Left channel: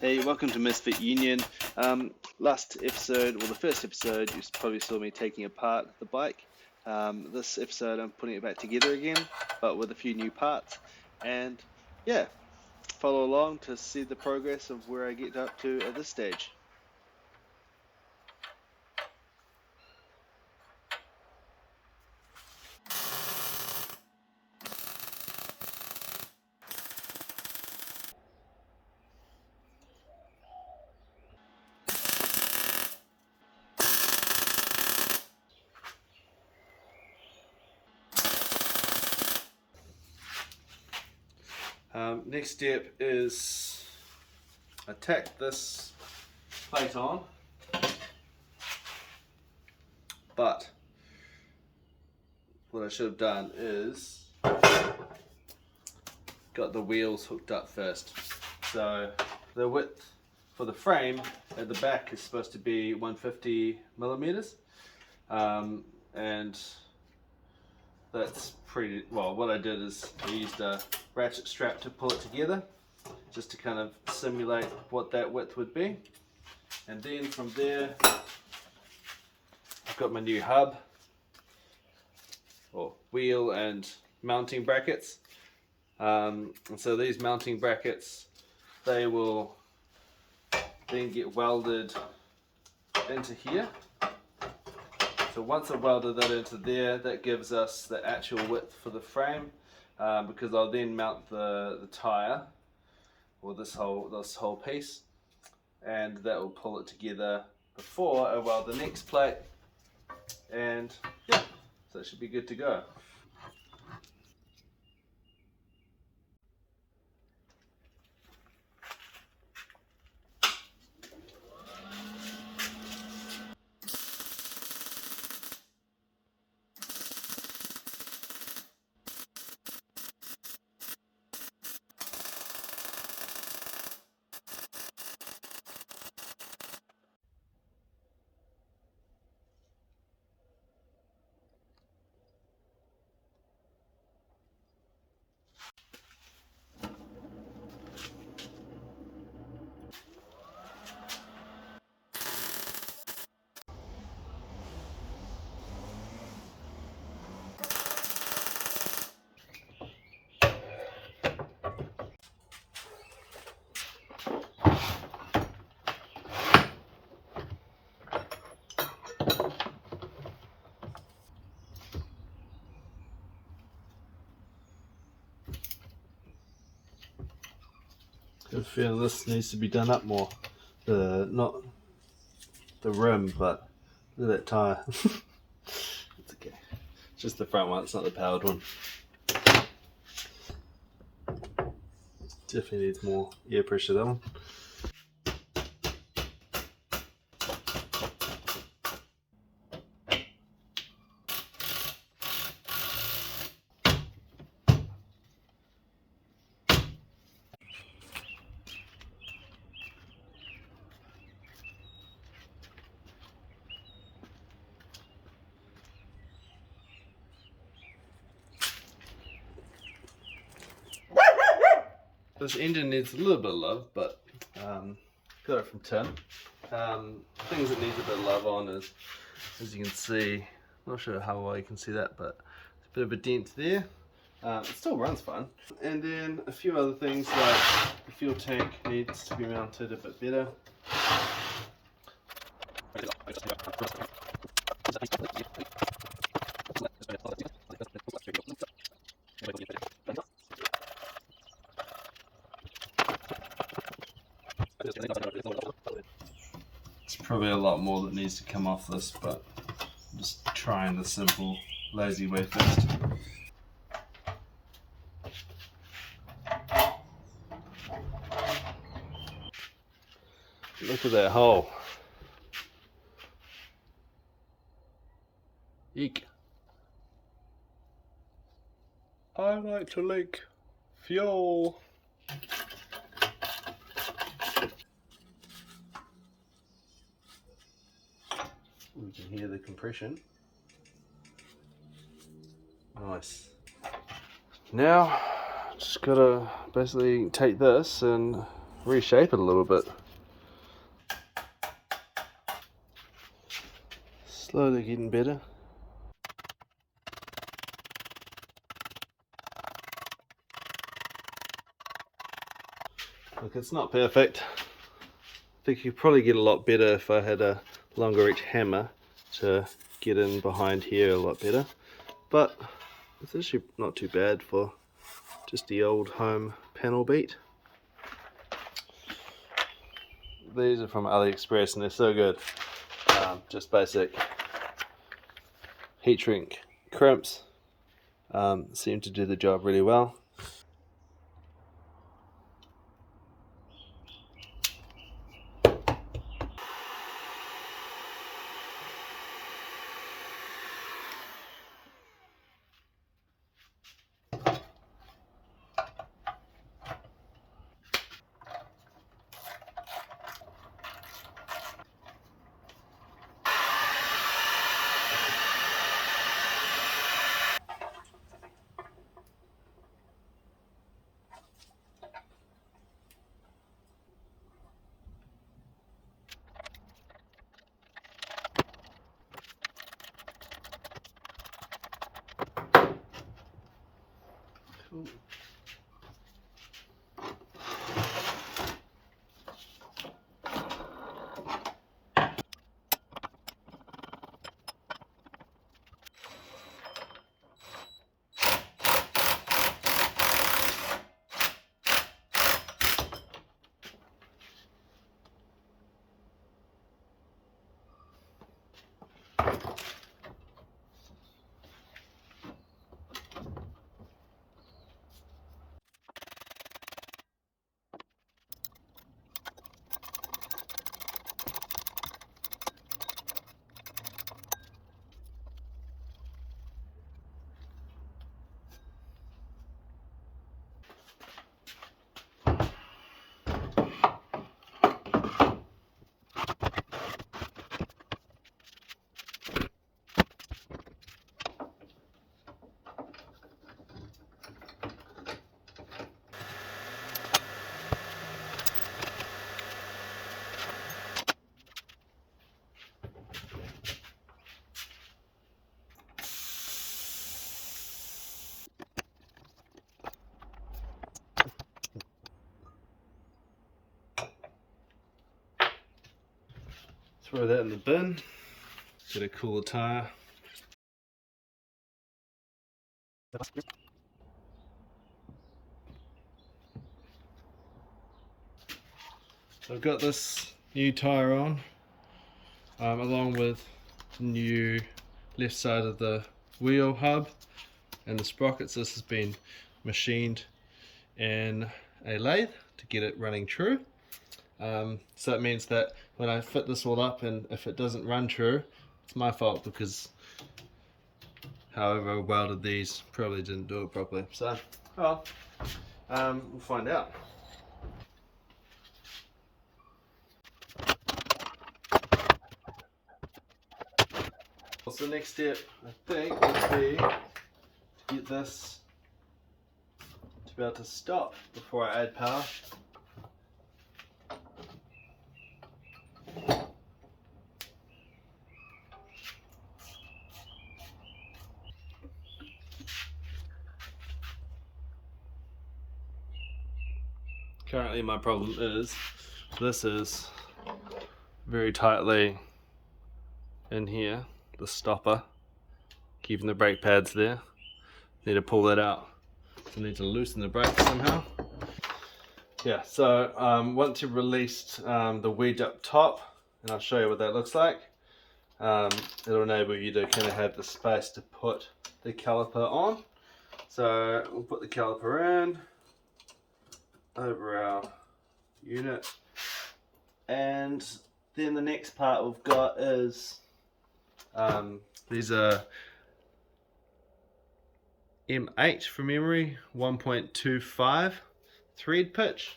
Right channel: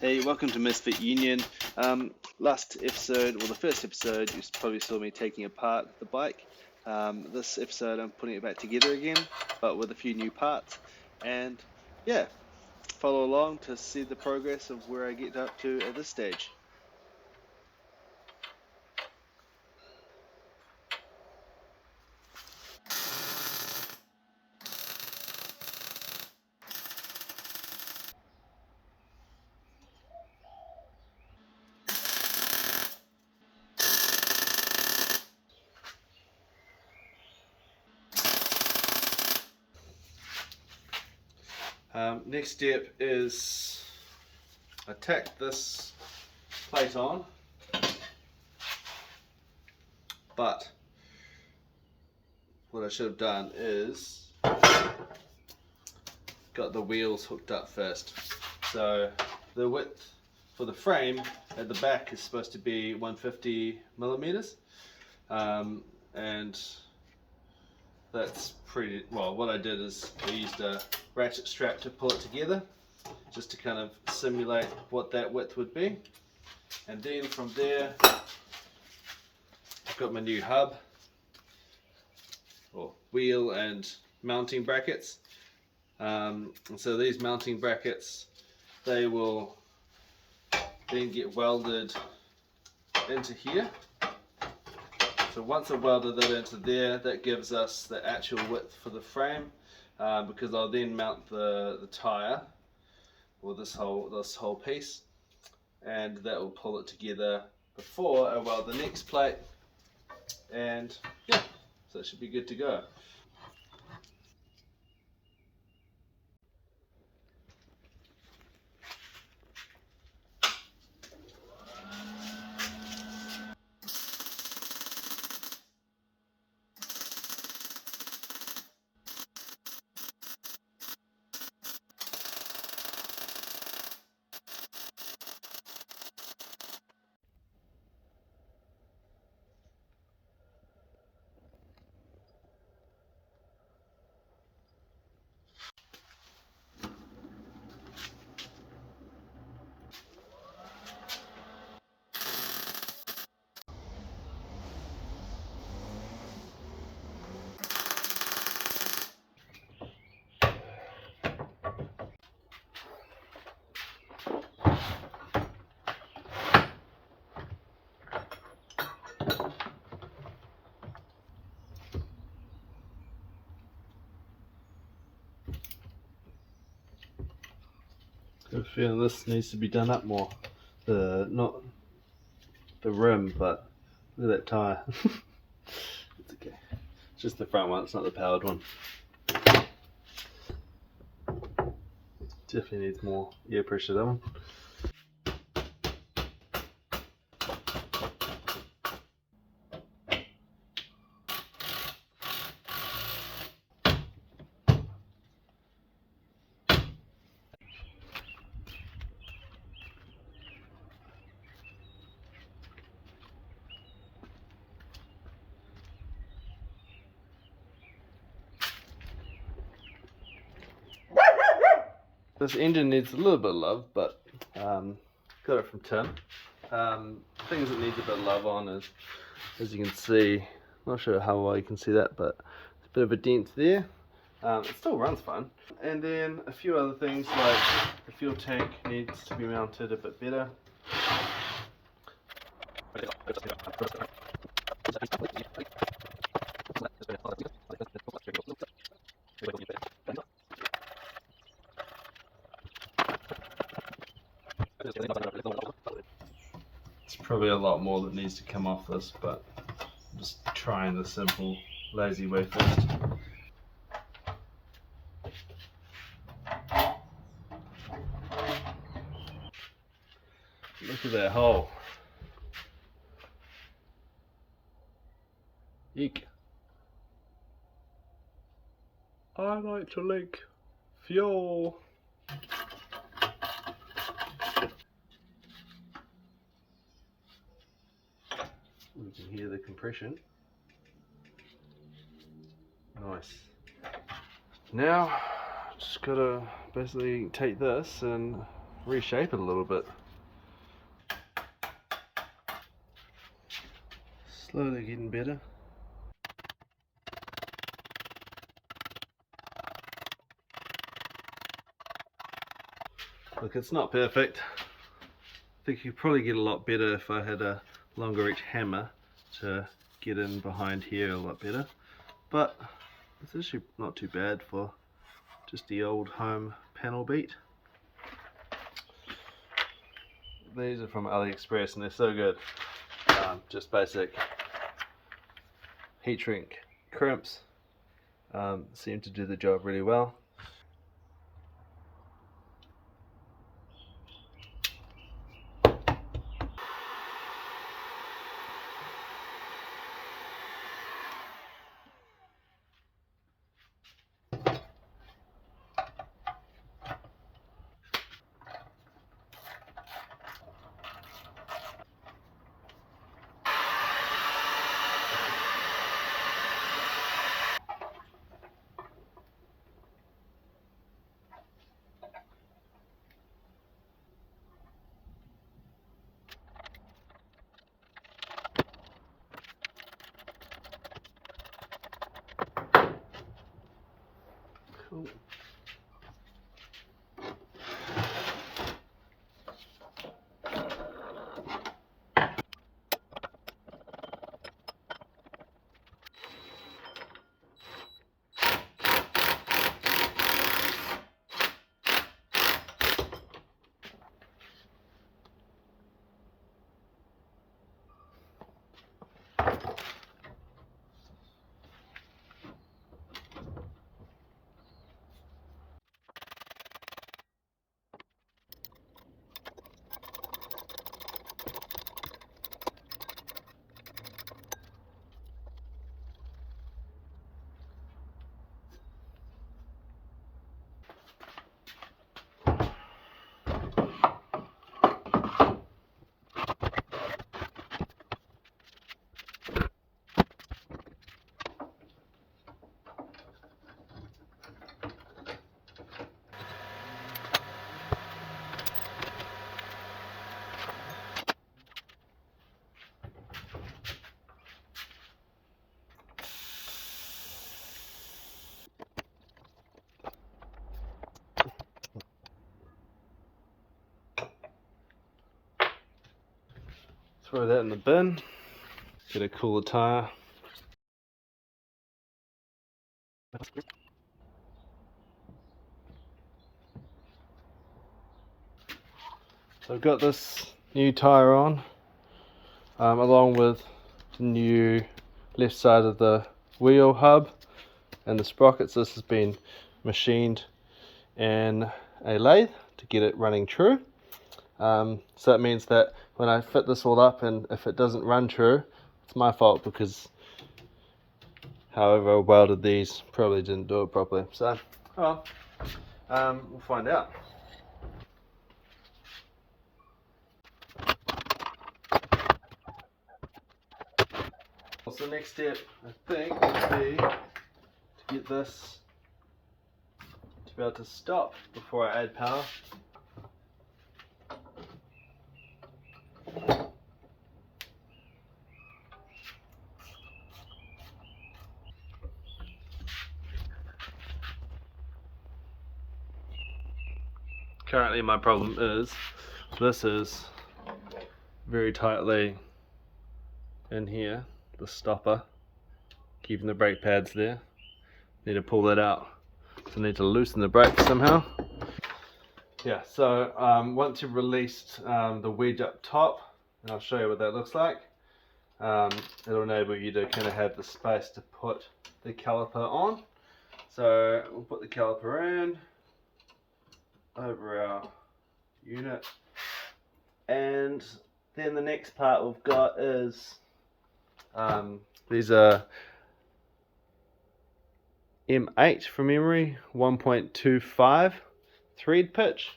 Hey, welcome to Misfit Union. Last episode, well, the first episode, you probably saw me taking apart the bike. This episode, I'm putting it back together again, but with a few new parts. And yeah, follow along to see the progress of where I get up to at this stage. Next step is I tack this plate on, but what I should have done is got the wheels hooked up first. So the width for the frame at the back is supposed to be 150 millimeters, and that's pretty well. What I did is I used a ratchet strap to pull it together, just to kind of simulate what that width would be. And then from there, I've got my new hub, or wheel and mounting brackets. And so these mounting brackets, they will then get welded into here. So once I welded that into there, that gives us the actual width for the frame, because I'll then mount the tire, or this whole piece, and that will pull it together before I weld the next plate, and yeah, so it should be good to go. I feel this needs to be done up more. Not the rim, but look at that tire. It's okay. It's just the front one, it's not the powered one. Definitely needs more air pressure, that one. This engine needs a little bit of love, but got it from tin. Things that needs a bit of love on is, as you can see, not sure how well you can see that, but it's a bit of a dent there. It still runs fine. And then a few other things, like the fuel tank needs to be mounted a bit better. It's probably a lot more that needs to come off this, but I'm just trying the simple, lazy way first. Look at that hole. Eek. I like to leak fuel. You can hear the compression. Nice. Now, just gotta basically take this and reshape it a little bit. Slowly getting better. Look, it's not perfect. I think you'd probably get a lot better if I had a longer reach hammer to get in behind here a lot better. But it's actually not too bad for just the old home panel beat. These are from AliExpress and they're so good. Just basic heat shrink crimps seem to do the job really well. Cool. Throw that in the bin, get a cooler tire. So I've got this new tire on, along with new left side of the wheel hub and the sprockets. This has been machined in a lathe to get it running true. So that means that when I fit this all up, and if it doesn't run true, it's my fault, because however I welded these, probably didn't do it properly. So, well, we'll find out. So the next step, I think, would be to get this to be able to stop before I add power. Currently my problem is, this is very tightly in here, the stopper, keeping the brake pads there. Need to pull that out. So I need to loosen the brake somehow. Yeah, so once you've released the wedge up top, and I'll show you what that looks like, it'll enable you to kind of have the space to put the caliper on. So we'll put the caliper in over our unit, and then the next part we've got is these are M8 from memory, 1.25 thread pitch.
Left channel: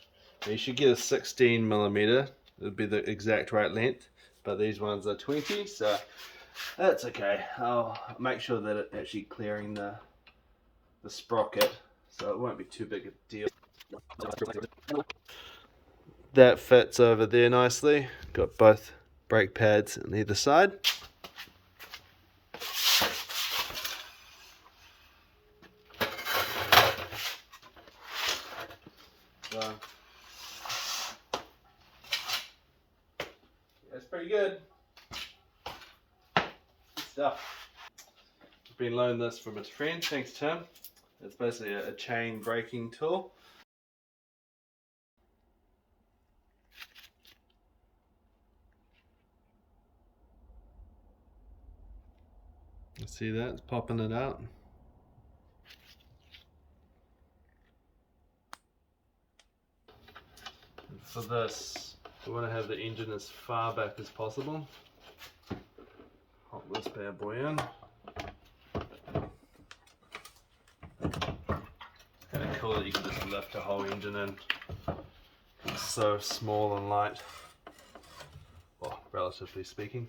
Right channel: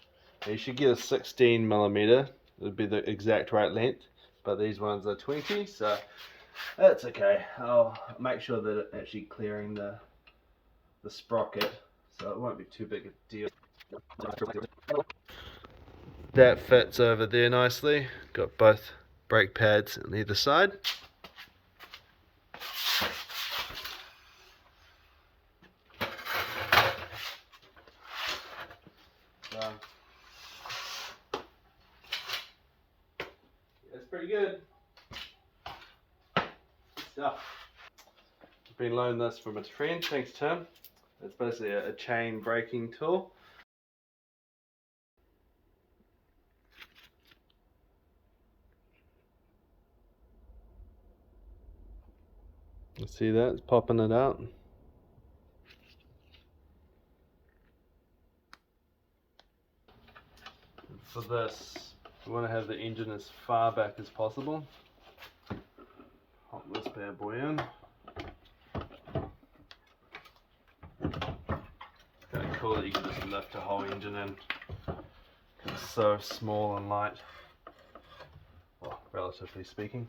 Now you should get a 16mm, it would be the exact right length, but these ones are 20, so that's okay. I'll make sure that it's actually clearing the sprocket, so it won't be too big a deal. That fits over there nicely. Got both brake pads on either side. So, it's pretty good. Good stuff. I've been loaning this from a friend, thanks Tim. It's basically a chain braking tool. You see that? It's popping it out. For this, we want to have the engine as far back as possible. Hop this bad boy in. It's kind of cool that you can just lift the whole engine in. It's so small and light. Well, relatively speaking.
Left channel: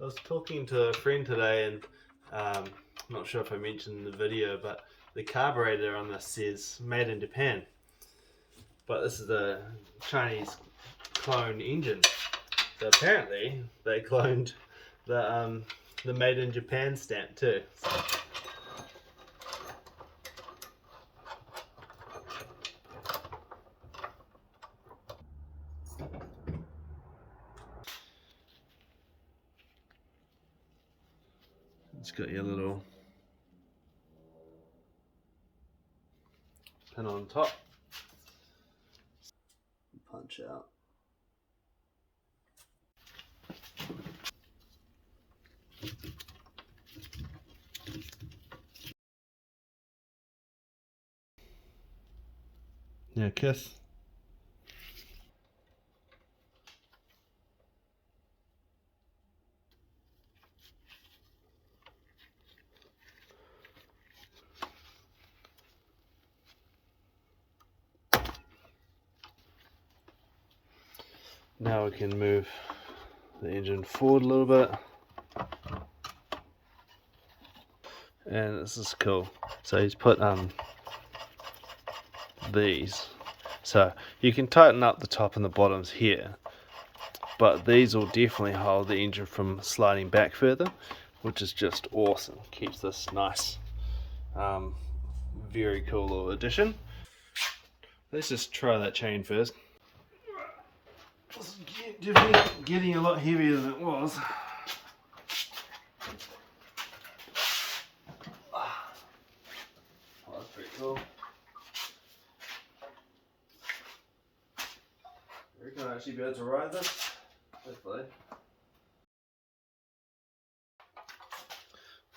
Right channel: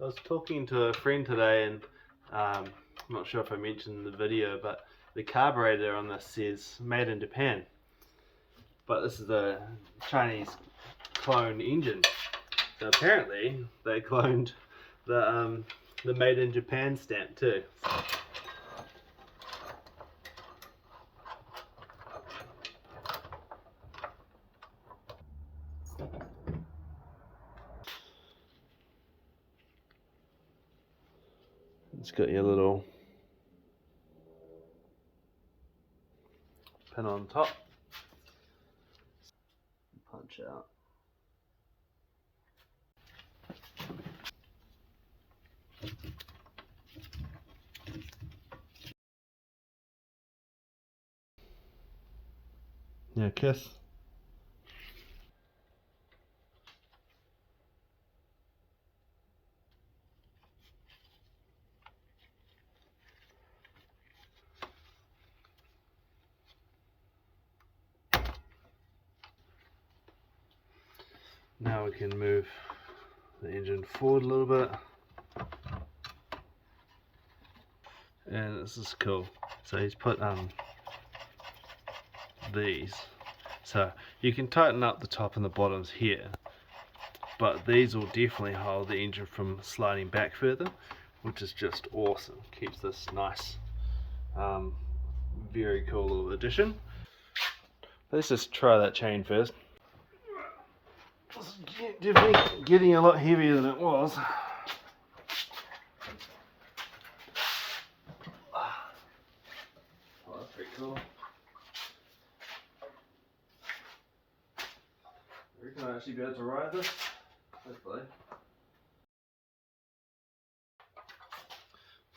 I was talking to a friend today, and I'm not sure if I mentioned in the video, but the carburetor on this says made in Japan. But this is a Chinese clone engine. So apparently they cloned the made in Japan stamp too. So. It's got your little pin on top. Punch out. Yeah, kiss. Now we can move the engine forward a little bit. And this is cool. So he's put these. So you can tighten up the top and the bottoms here, but these will definitely hold the engine from sliding back further, which is just awesome. Keeps this nice. Very cool little addition. Let's just try that chain first. It's definitely getting a lot heavier than it was. Oh, that's pretty cool. I reckon I'll actually be able to ride this. Hopefully.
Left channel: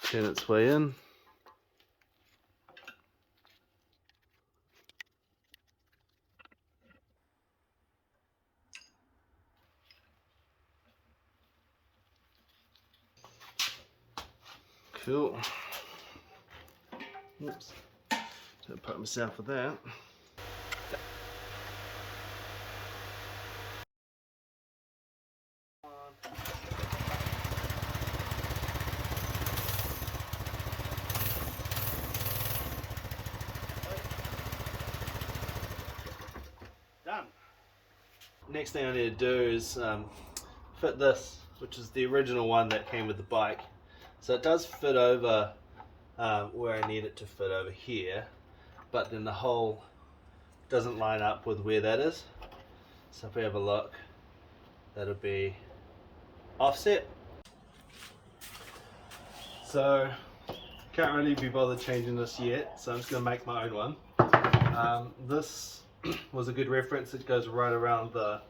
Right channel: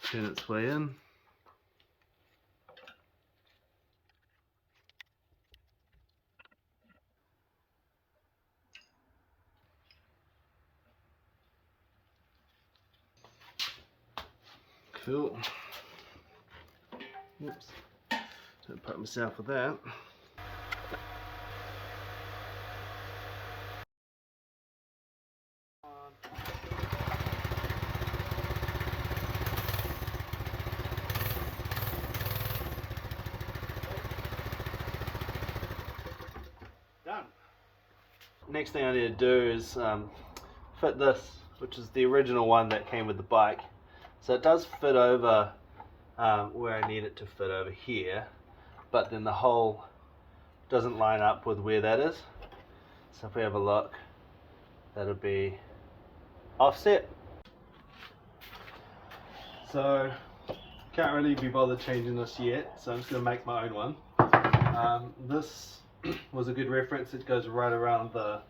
Turn its way in. Cool. Oops. Don't poke myself with that. Done. Next thing I need to do is fit this, which is the original one that came with the bike. So it does fit over where I need it to fit over here, but then the hole doesn't line up with where that is. So if we have a look, that'll be offset. So can't really be bothered changing this yet, so I'm just going to make my own one. This was a good reference. It goes right around the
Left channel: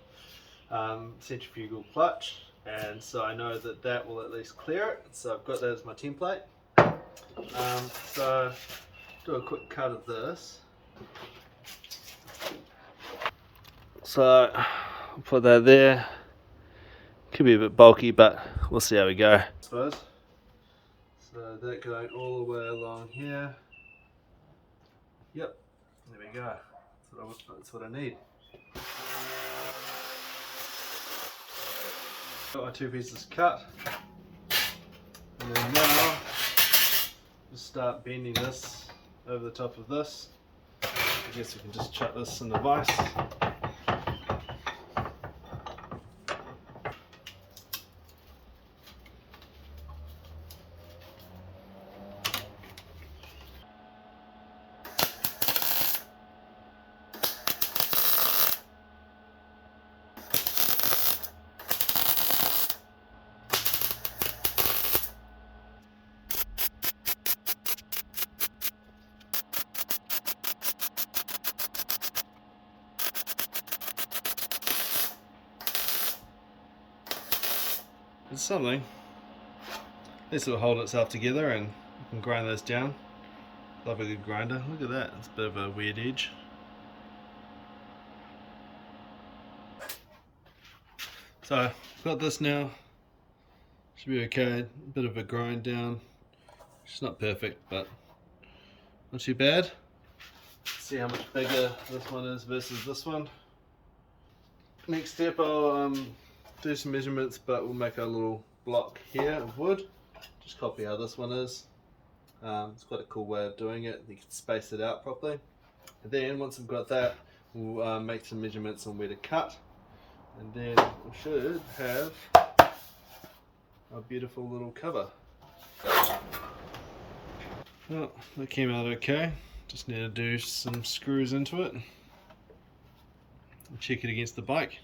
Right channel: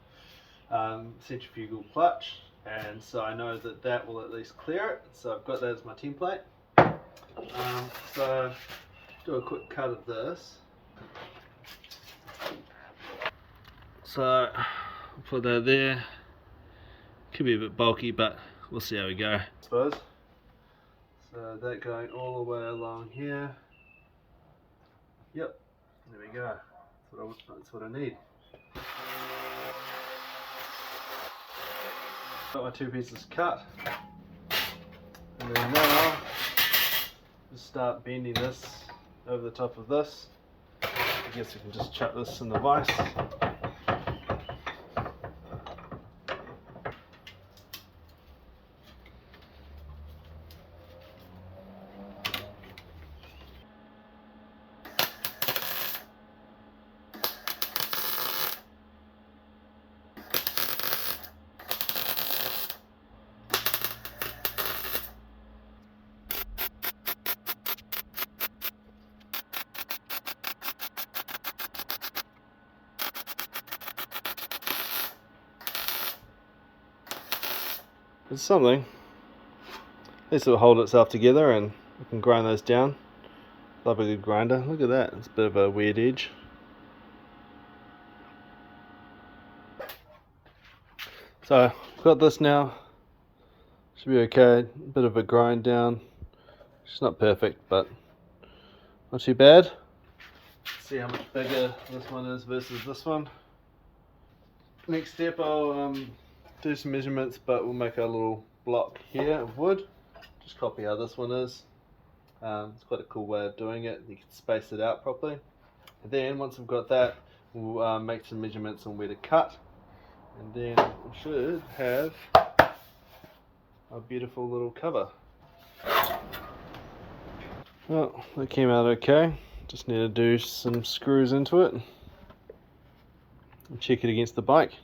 centrifugal clutch, and so I know that that will at least clear it. So I've got that as my template. So do a quick cut of this. So I'll put that there. Could be a bit bulky, but we'll see how we go, I suppose. So that going all the way along here. Yep, there we go. That's what I need. Got my two pieces cut. And then now, just start bending this over the top of this. I guess we can just chuck this in the vise. It's something. This will hold itself together and you can grind those down. Love a good grinder. Look at that, it's a bit of a weird edge. So I've got this now. Should be okay. Bit of a grind down. It's not perfect, but not too bad. Let's see how much bigger this one is versus this one. Next step, I'll do some measurements, but we'll make a little block here of wood. Just copy how this one is. It's quite a cool way of doing it. You can space it out properly. And then once I've got that, we'll make some measurements on where to cut. And then we should have a beautiful little cover. Well, that came out okay. Just need to do some screws into it and check it against the bike.